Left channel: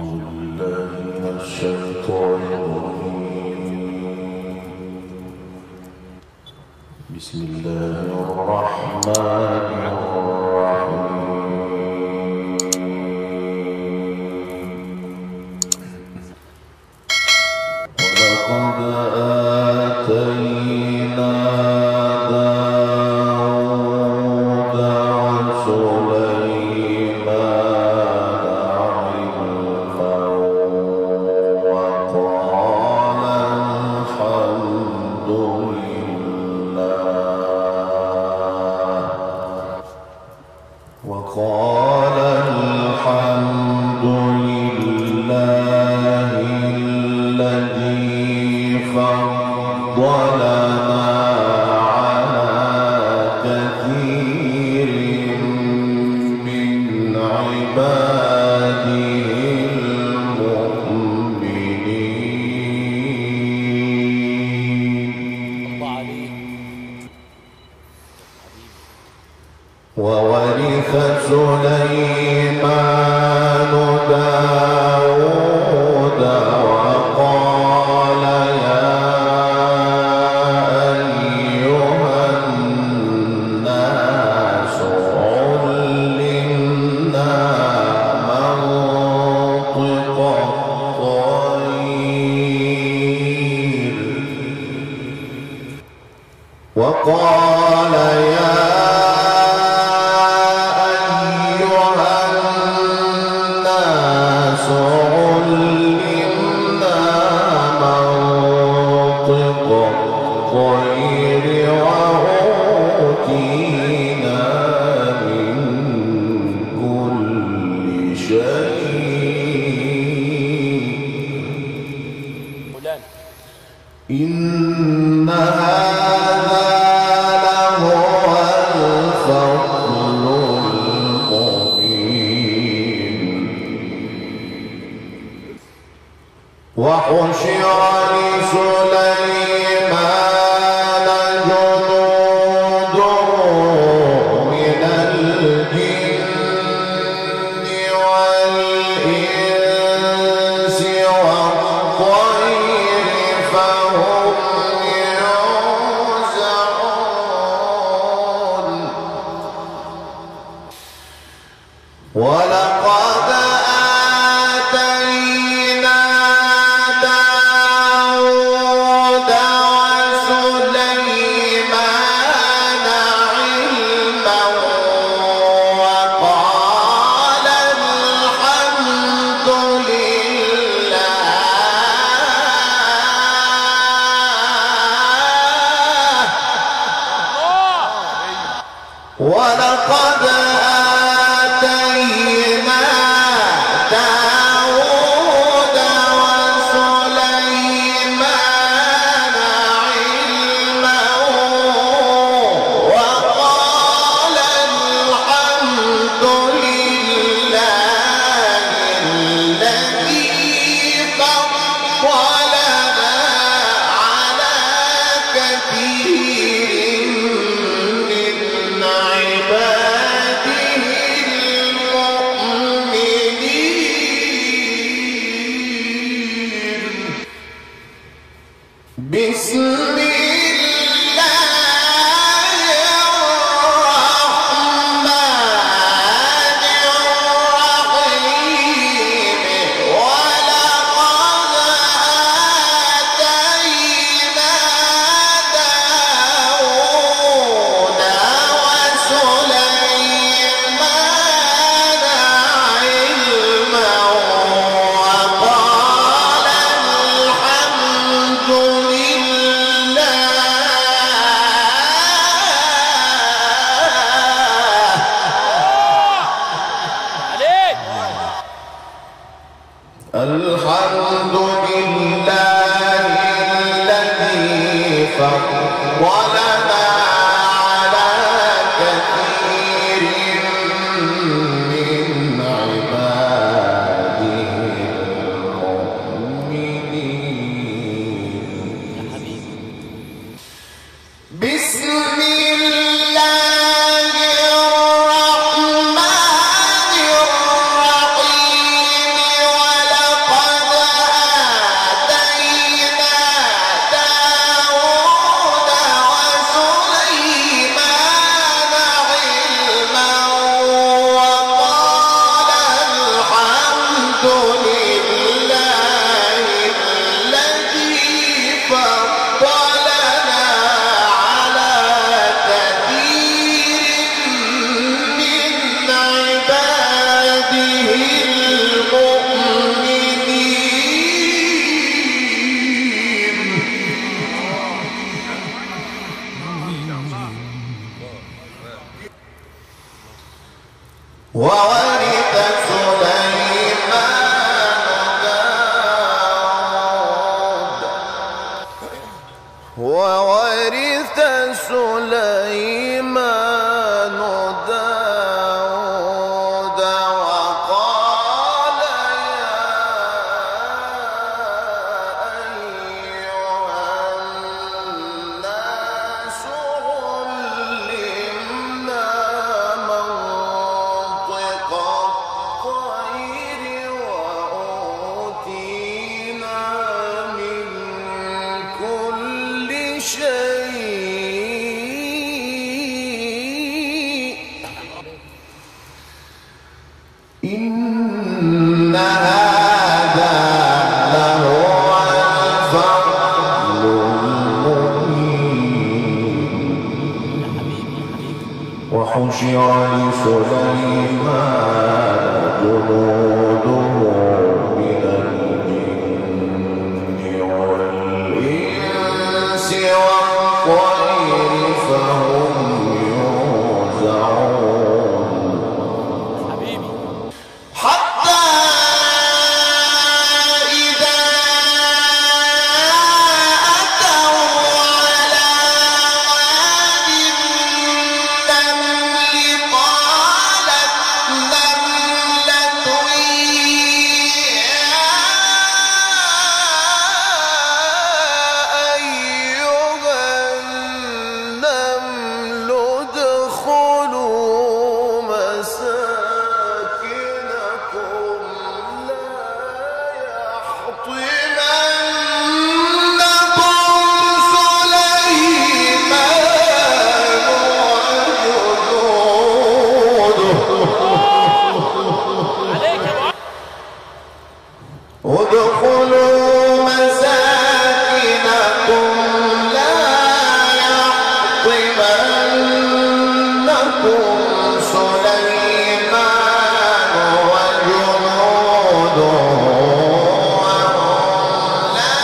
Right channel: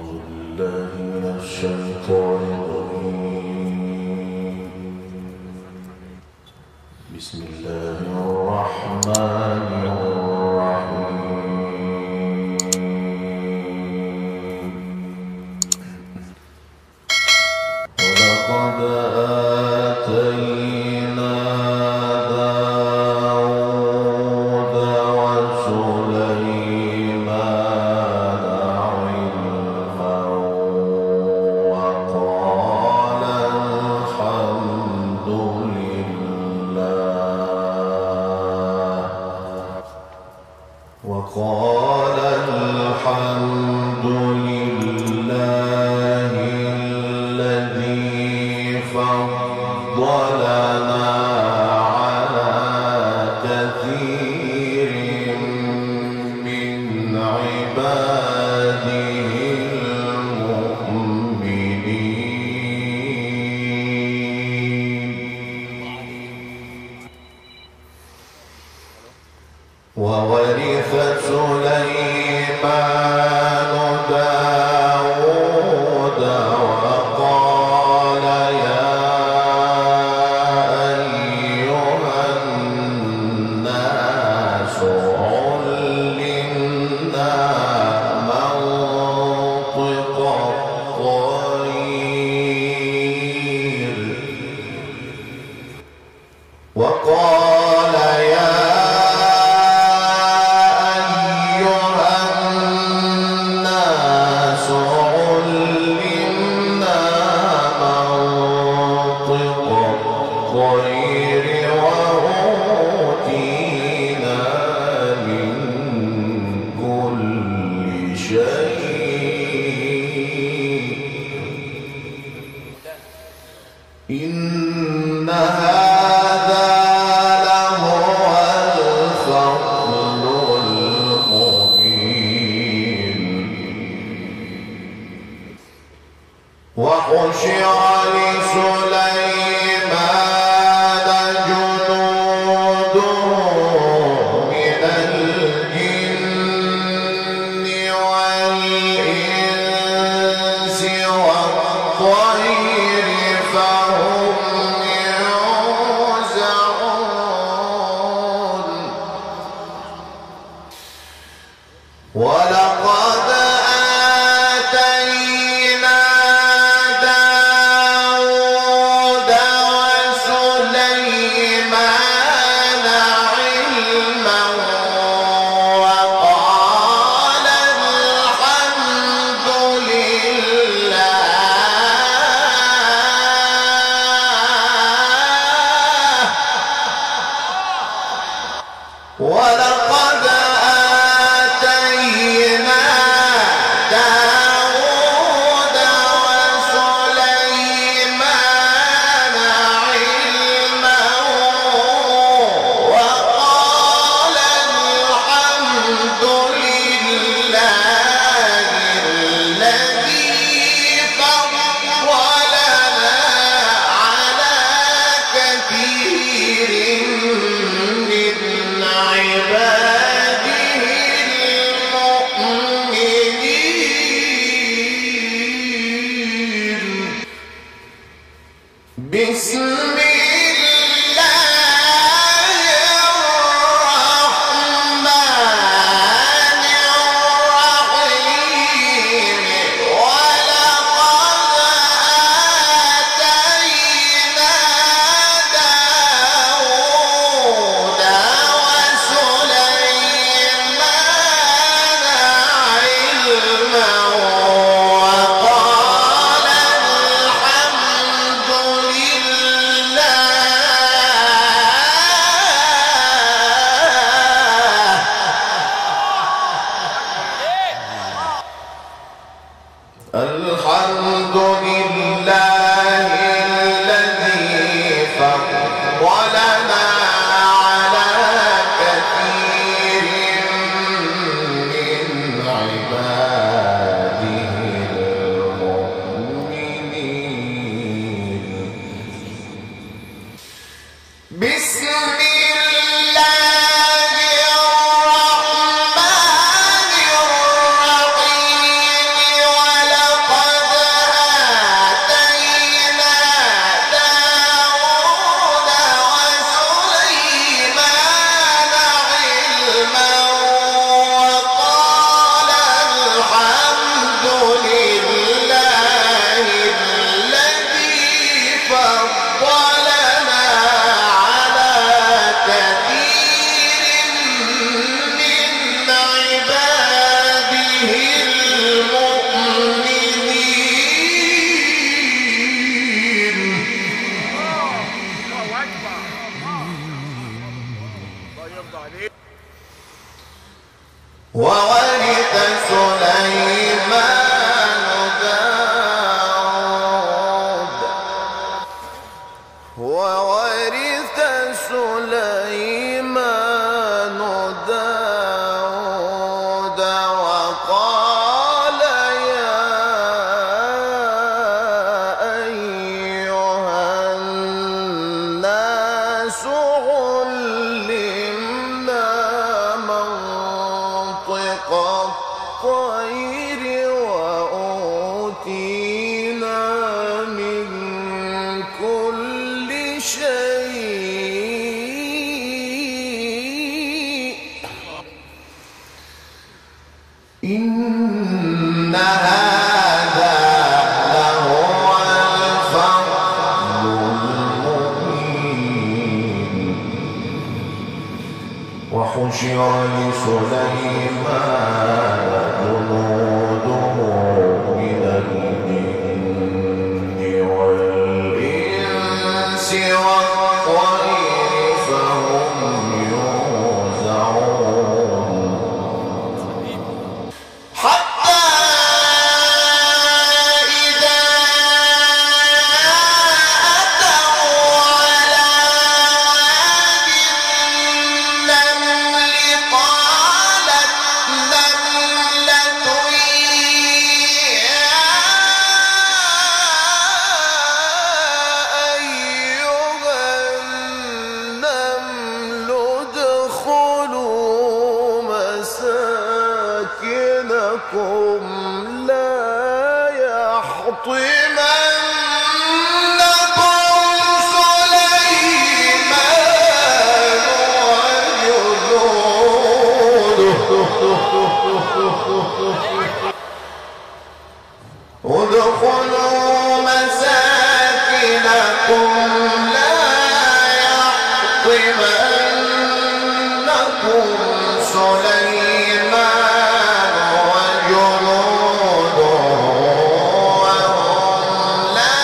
بالله من الشيطان الرجيم. بسم الله الرحمن الرحيم. ولقد آتينا داود وسليمان علما وقال الحمد لله الذي فضلنا على كثير من عباده المؤمنين. وورث سليمان داود وقال يا أيها الناس علمنا منطق الطير وقال يا إن هذا لهو الفضل المبين. وحشر لسليمان جنوده من الجن والإنس والطير فهم يوزعون. ولقد آتينا داود وسليمان علما وقال الحمد لله. ولقد آتينا داود وسليمان علما وقال الحمد لله الذي فضلنا على كثير من عباده المؤمنين. بسم الله الرحمن الرحيم. ولقد آتينا داود وسليمان علما وقال الحمد لله. الحمد لله الذي فضلنا على كثير من عباده المؤمنين. بسم الله الرحمن الرحيم. هذا لهو الفضل المبين وحشر لسليمان جنوده من الجن والإنس والطير فهم يوزعون حتى إذا أتوا على واد النمل قالت نملة يا أيها النمل ادخلوا مساكنكم لا يحطمنكم سليمان وجنوده ادخلوا مساكنكم لا يحطمنكم سليمان وجنوده وهم لا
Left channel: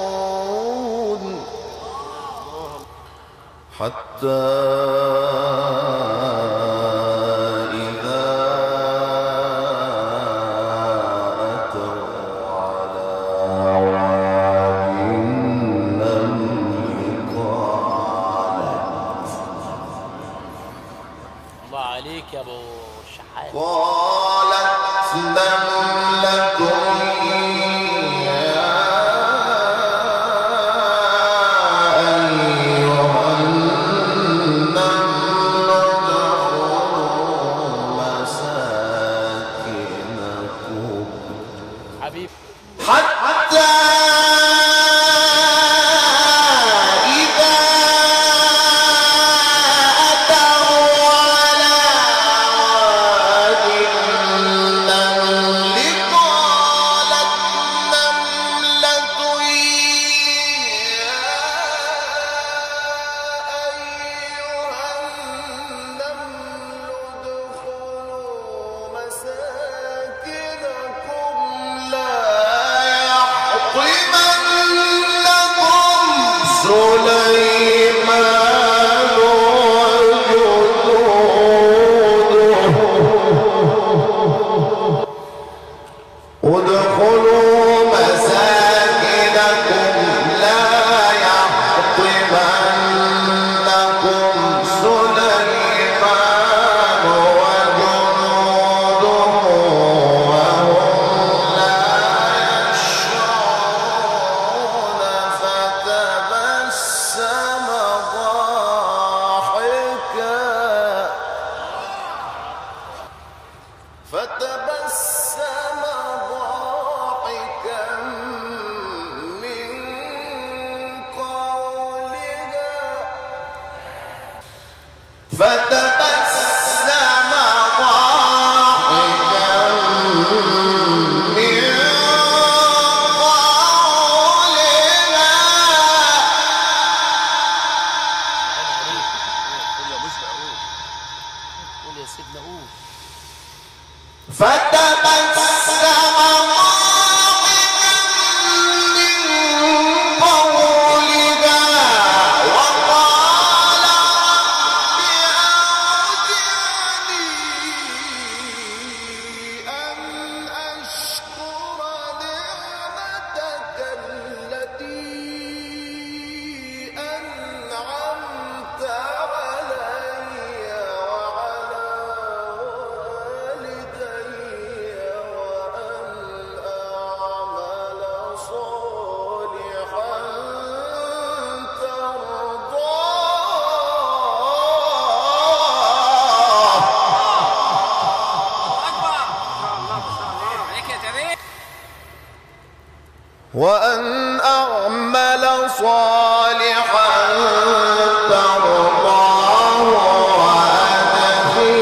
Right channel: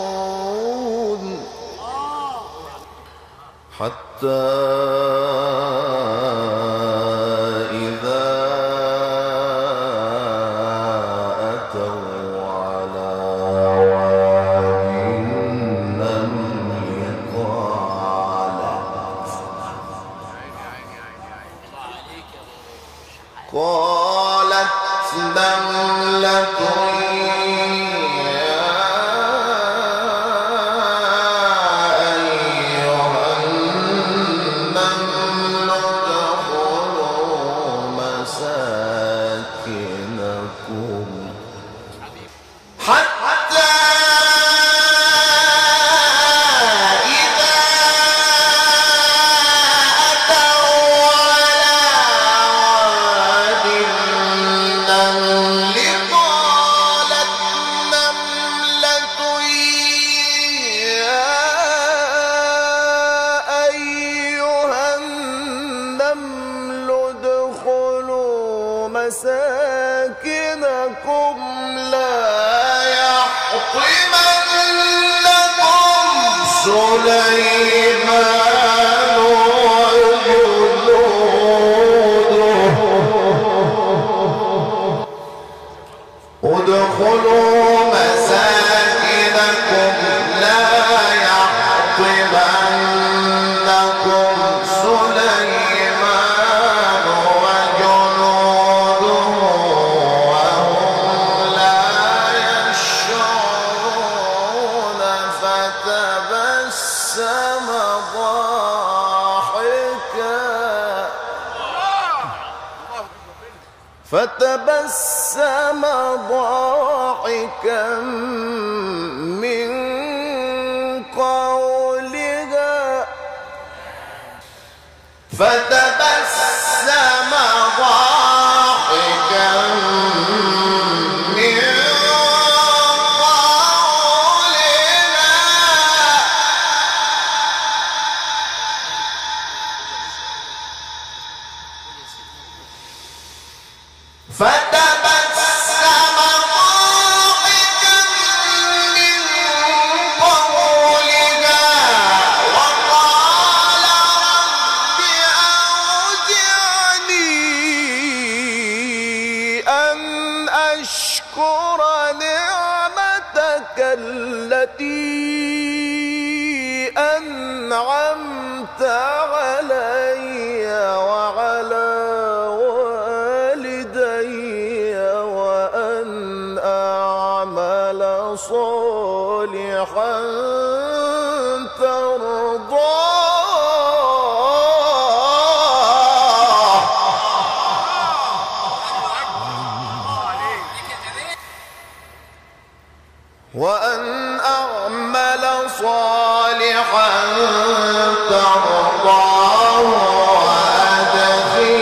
يشعرون حتى إذا أتوا على واد النمل قالت الله عليك يا ابو شحات. نملة يا أيها النمل ادخلوا مساكنكم حبيبي حتى إذا أتوا على واد النمل قالت نملة يا أيها النمل ادخلوا مساكنكم لا يحطمنكم سليمان وجنوده ادخلوا مساكنكم لا يحطمنكم سليمان وجنوده وهم لا يشعرون فتبسم ضاحكا من قولها فتبسم ضاحكا من قولها قول يا سيدنا قول. فتبسم ضاحكا من قولها وقال رب أوزعني أن أشكر نعمتك التي أنعمت علي وعلى والدي وأن أعمل صالحا ترضاه وأن أعمل صالحا ترضاه وأدخلني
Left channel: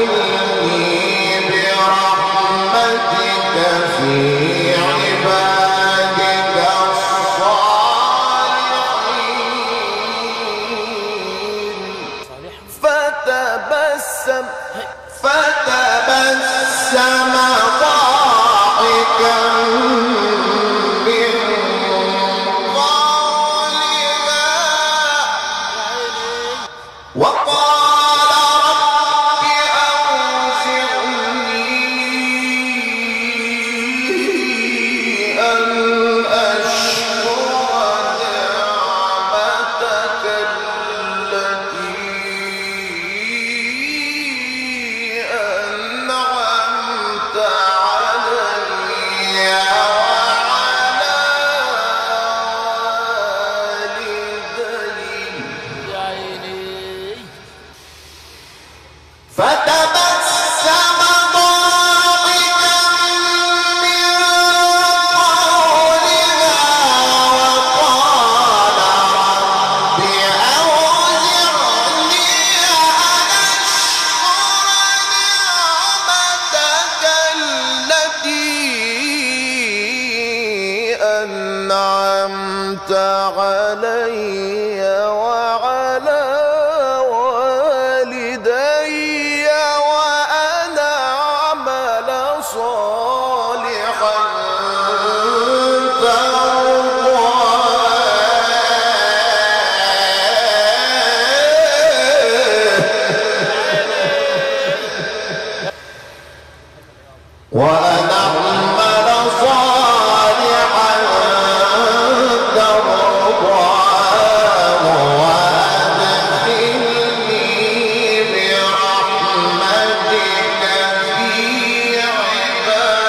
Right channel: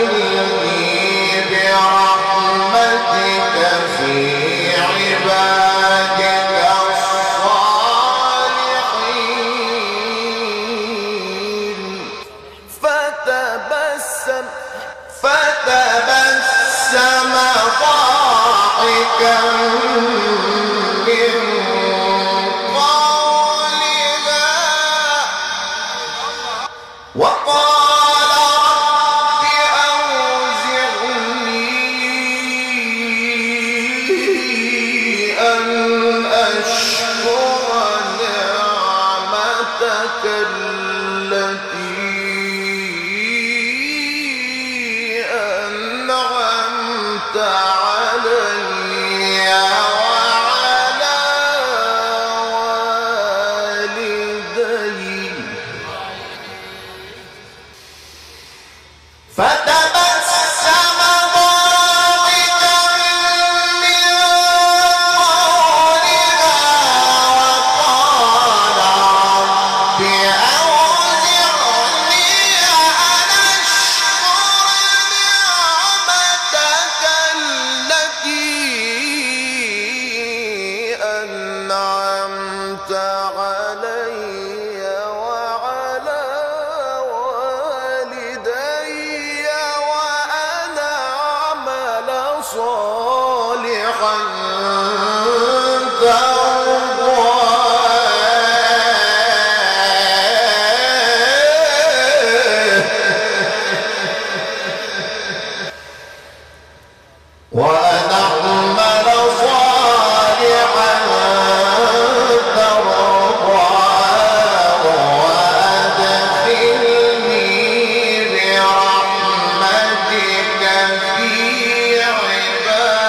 ضاحكا من قولها وقال رب أوزعني أن أشكر نعمتك التي أنعمت علي وعلى والدي يا عيني فتبسم ضاحكا من قولها وقال رب أوزعني أن أشكر نعمتك التي أنعمت علي وعلى والدي وأن أعمل صالحا ترضاه وأن أعمل صالحا ترضاه وأدخلني برحمتك في عبادك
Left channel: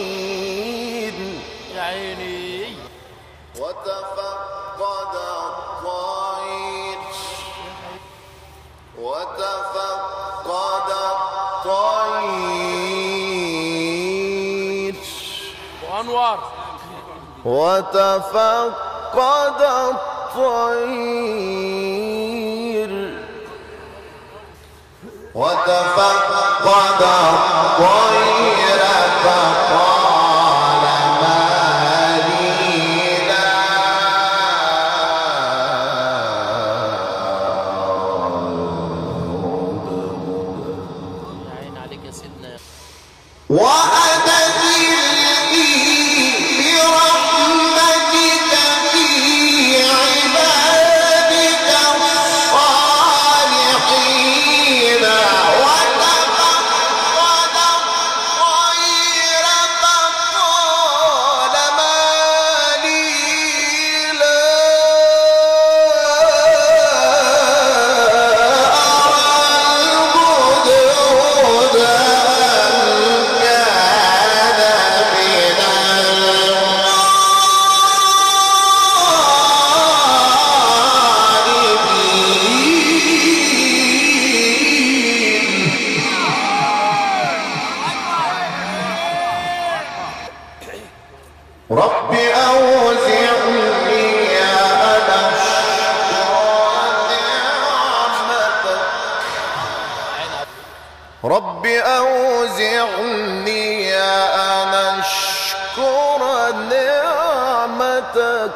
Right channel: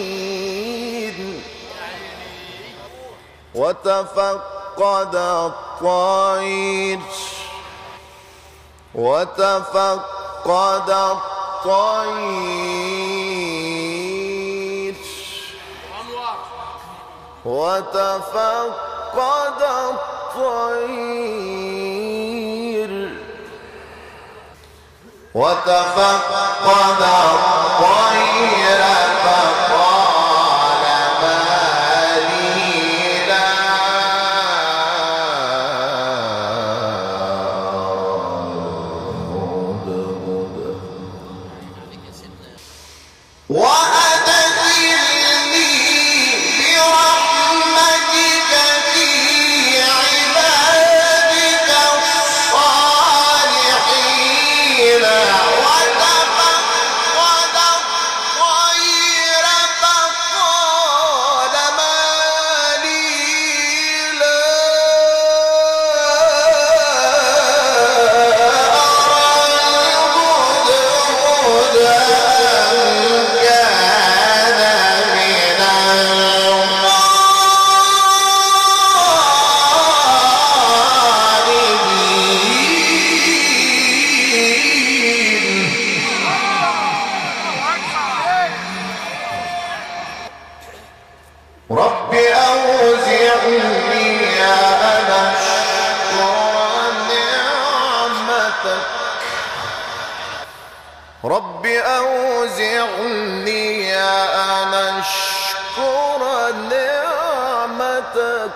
الصالحين يا عيني وتفقد الطير وأنوار وتفقد الطير فقال ما لي لا يا عين عليك يا سيدنا وأدخلني برحمتك في عبادك الصالحين وتفقد الطير فقال ما لي لا أرى الهدهد رب أوزعني أن أشكر نعمتك رب أوزعني أن أشكر نعمتك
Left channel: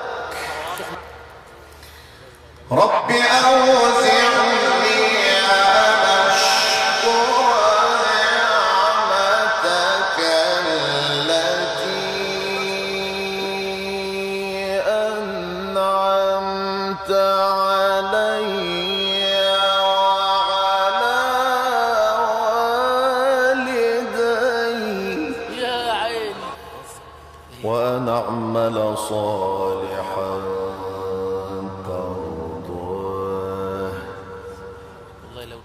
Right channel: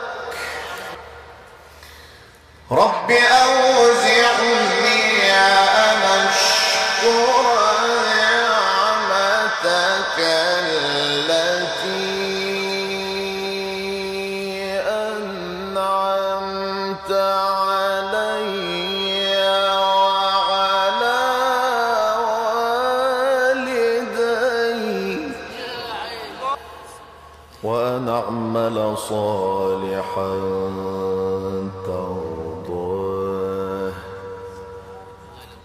رب أوزعني أن أشكر نعمتك التي أنعمت علي وعلى والدي يا عين وأن أعمل صالحا ترضاه والله لو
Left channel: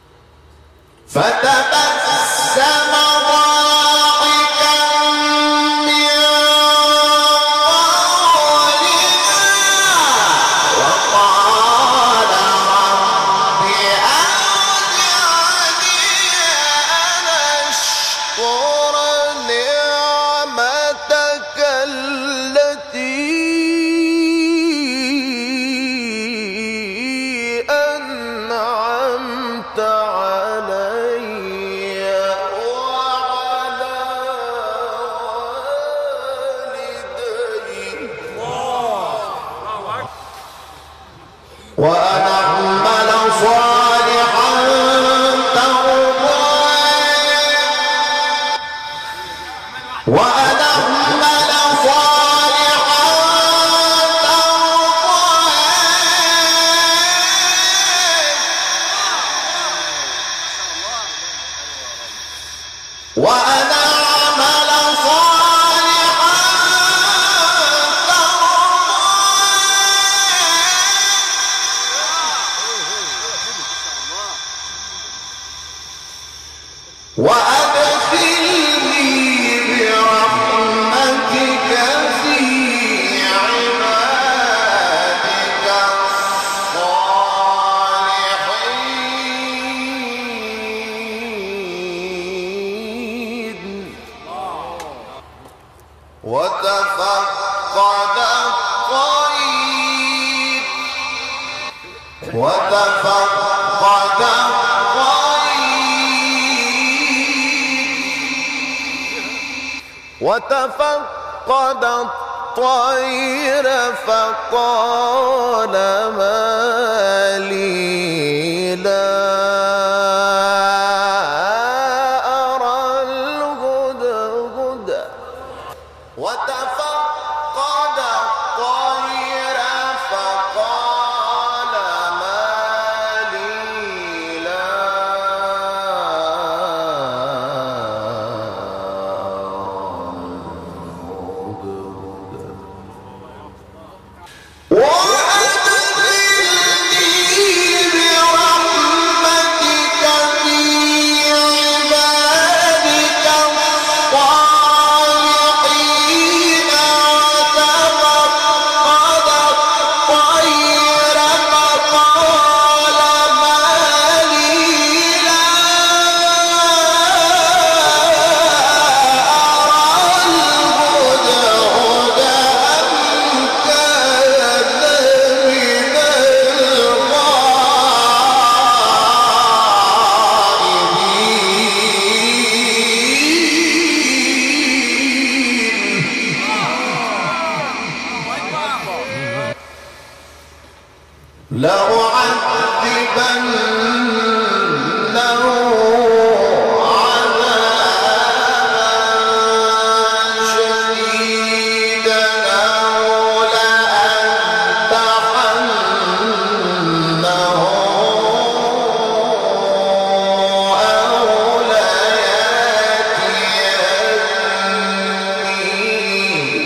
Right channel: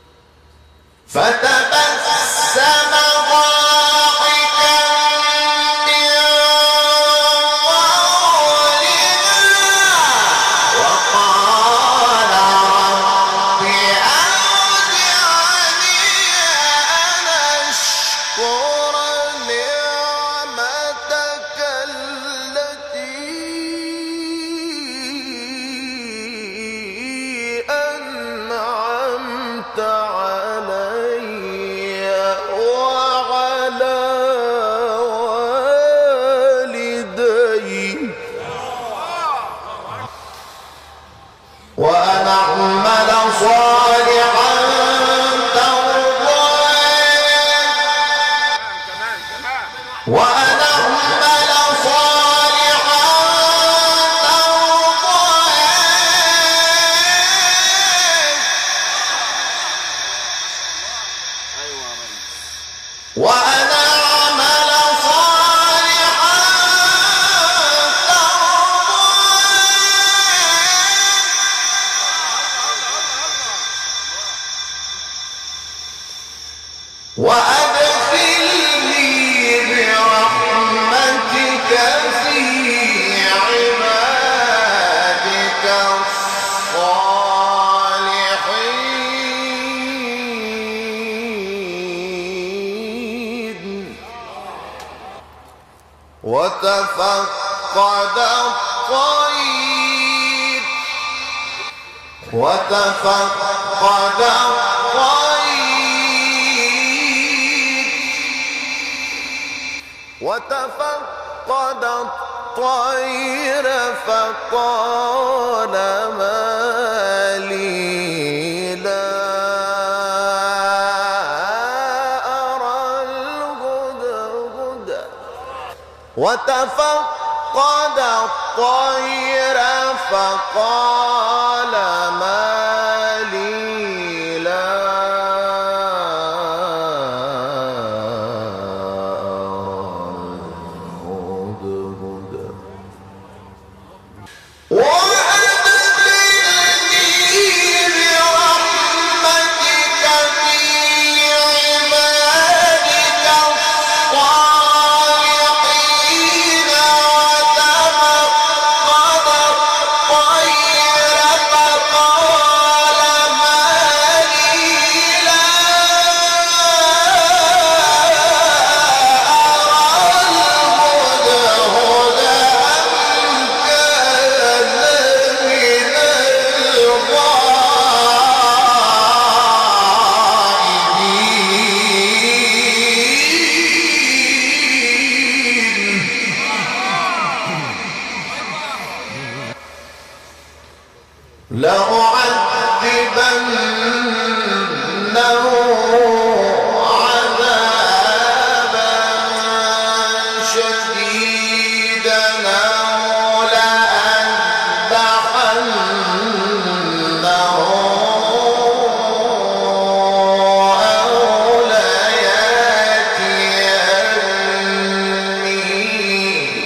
فتبسم ضاحكا من قولها وقال رب أوزعني أن أشكر نعمتك التي أنعمت علي وأن أعمل صالحا ترضاه وأن أعمل صالحا ترضاه وأن أعمل صالحا ترضاه وأدخلني برحمتك في عبادك الصالحين وتفقد الطير وتفقد الطير فقال ما لي لا أرى الهدهد وتفقد الطير فقال ما لي لا لأعذبنه عذابا شديدا أو لأذبحنه أو ليأتيني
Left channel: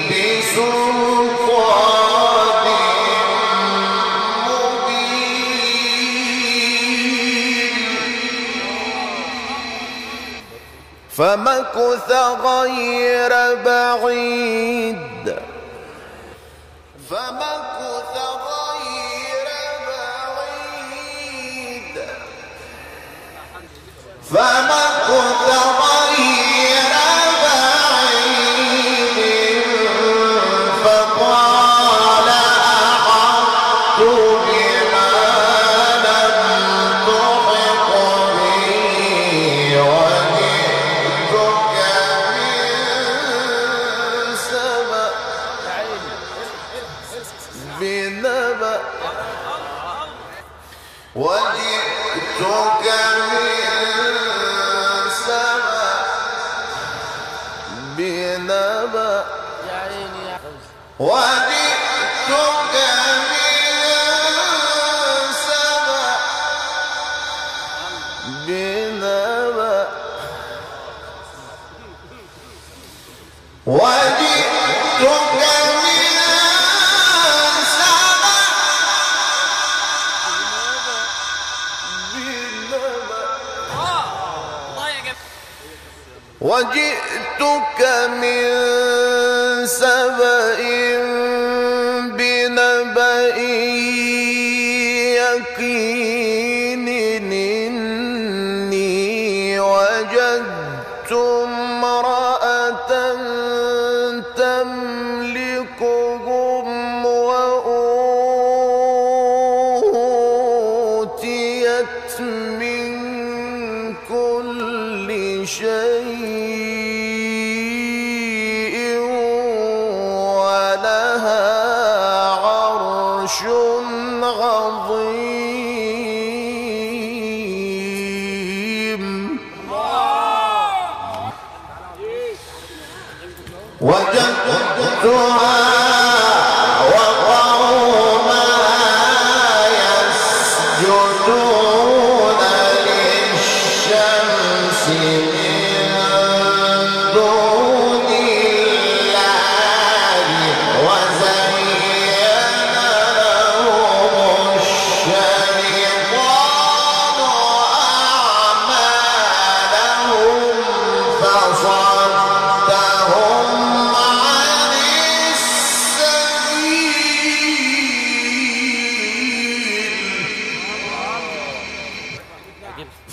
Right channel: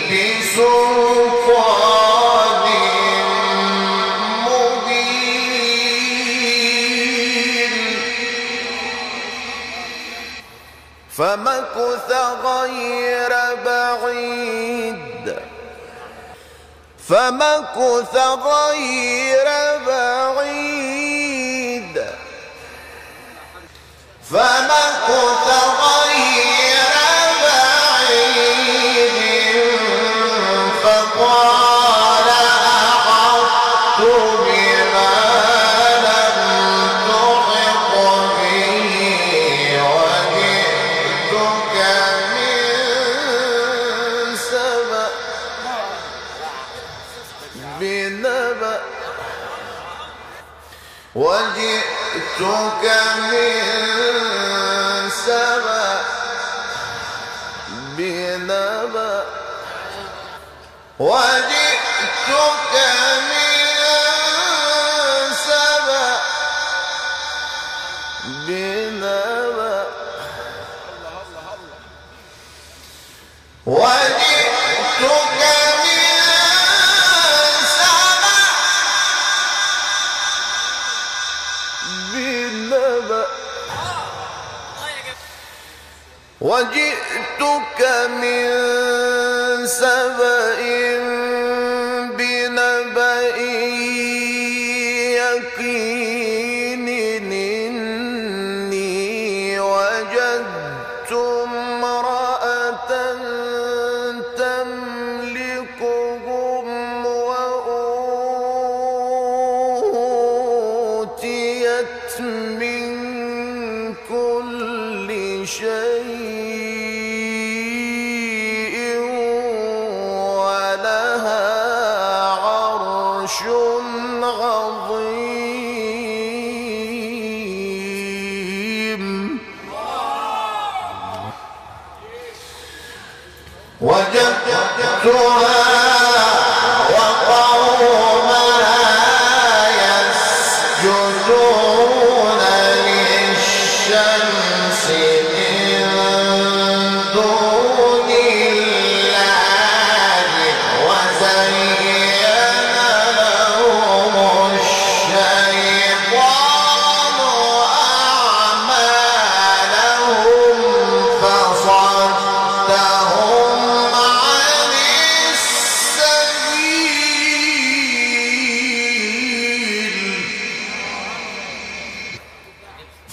بسلطان فمكث غير بعيد فمكث غير بعيد فمكث غير بعيد فقال أحطت بما لم تحط به وجئتك من سبأ بنبأ وجئتك من سبأ بنبأ وجئتك من سبأ بنبأ وجئتك من سبأ بنبأ وجئتك من سبأ بنبأ يقين إني وجدت امرأة تملكهم وأوتيت من كل شيء ولها عرش عظيم وجدتها وقومها يسجدون للشمس من دون الله وزين لهم الشيطان أعمالهم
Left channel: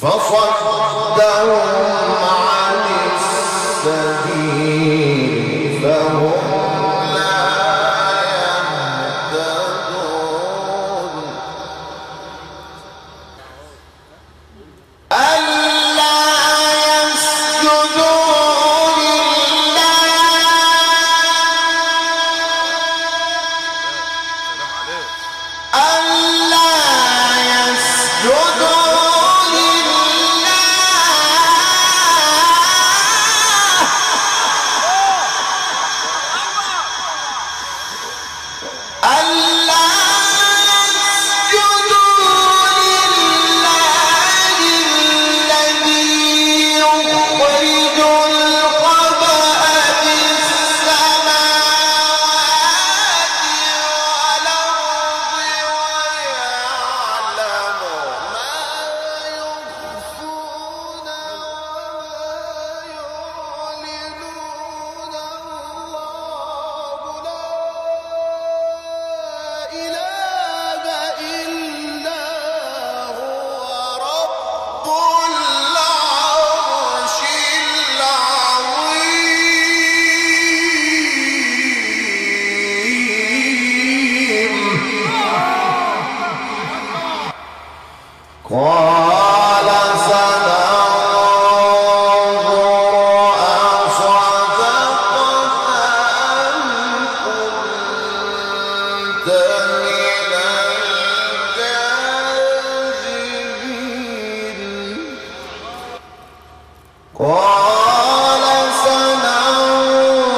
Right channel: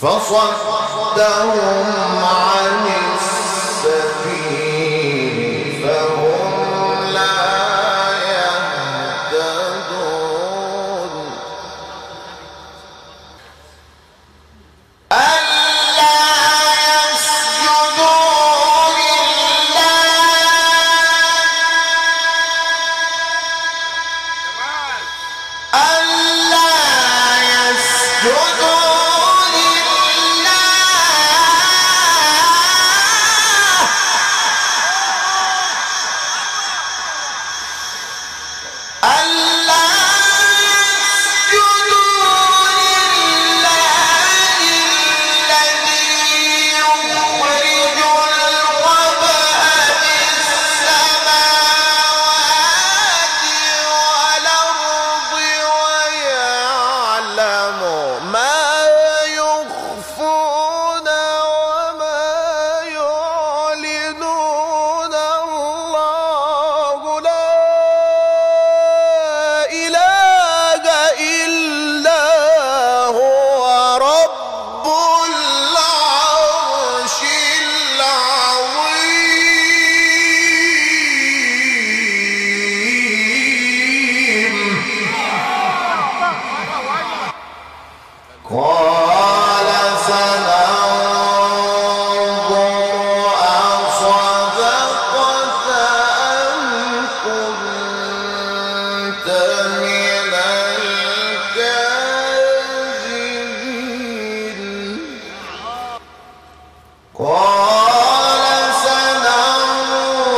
فصدهم عن السبيل فهم لا يهتدون ألا يسجدوا قال سننظر أصدقت أم كنت من الكاذبين قال سننظر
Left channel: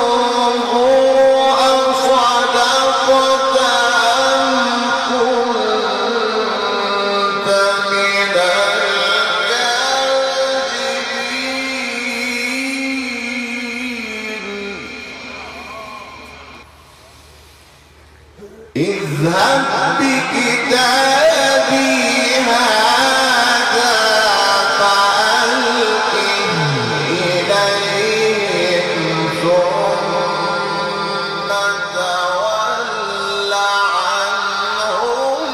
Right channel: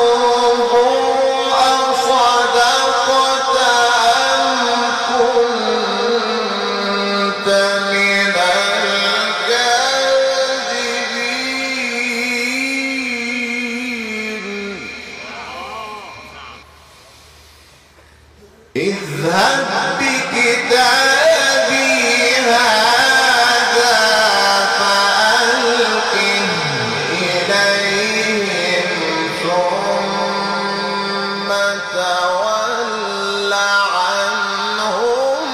أصدقت أم كنت من الكاذبين اذهب بكتابي هذا فألقه إليهم ثم تول عنهم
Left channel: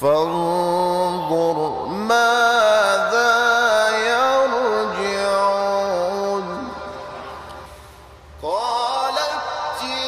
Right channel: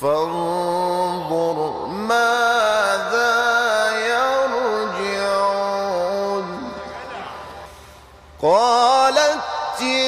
فانظر ماذا يرجعون قال ائتنا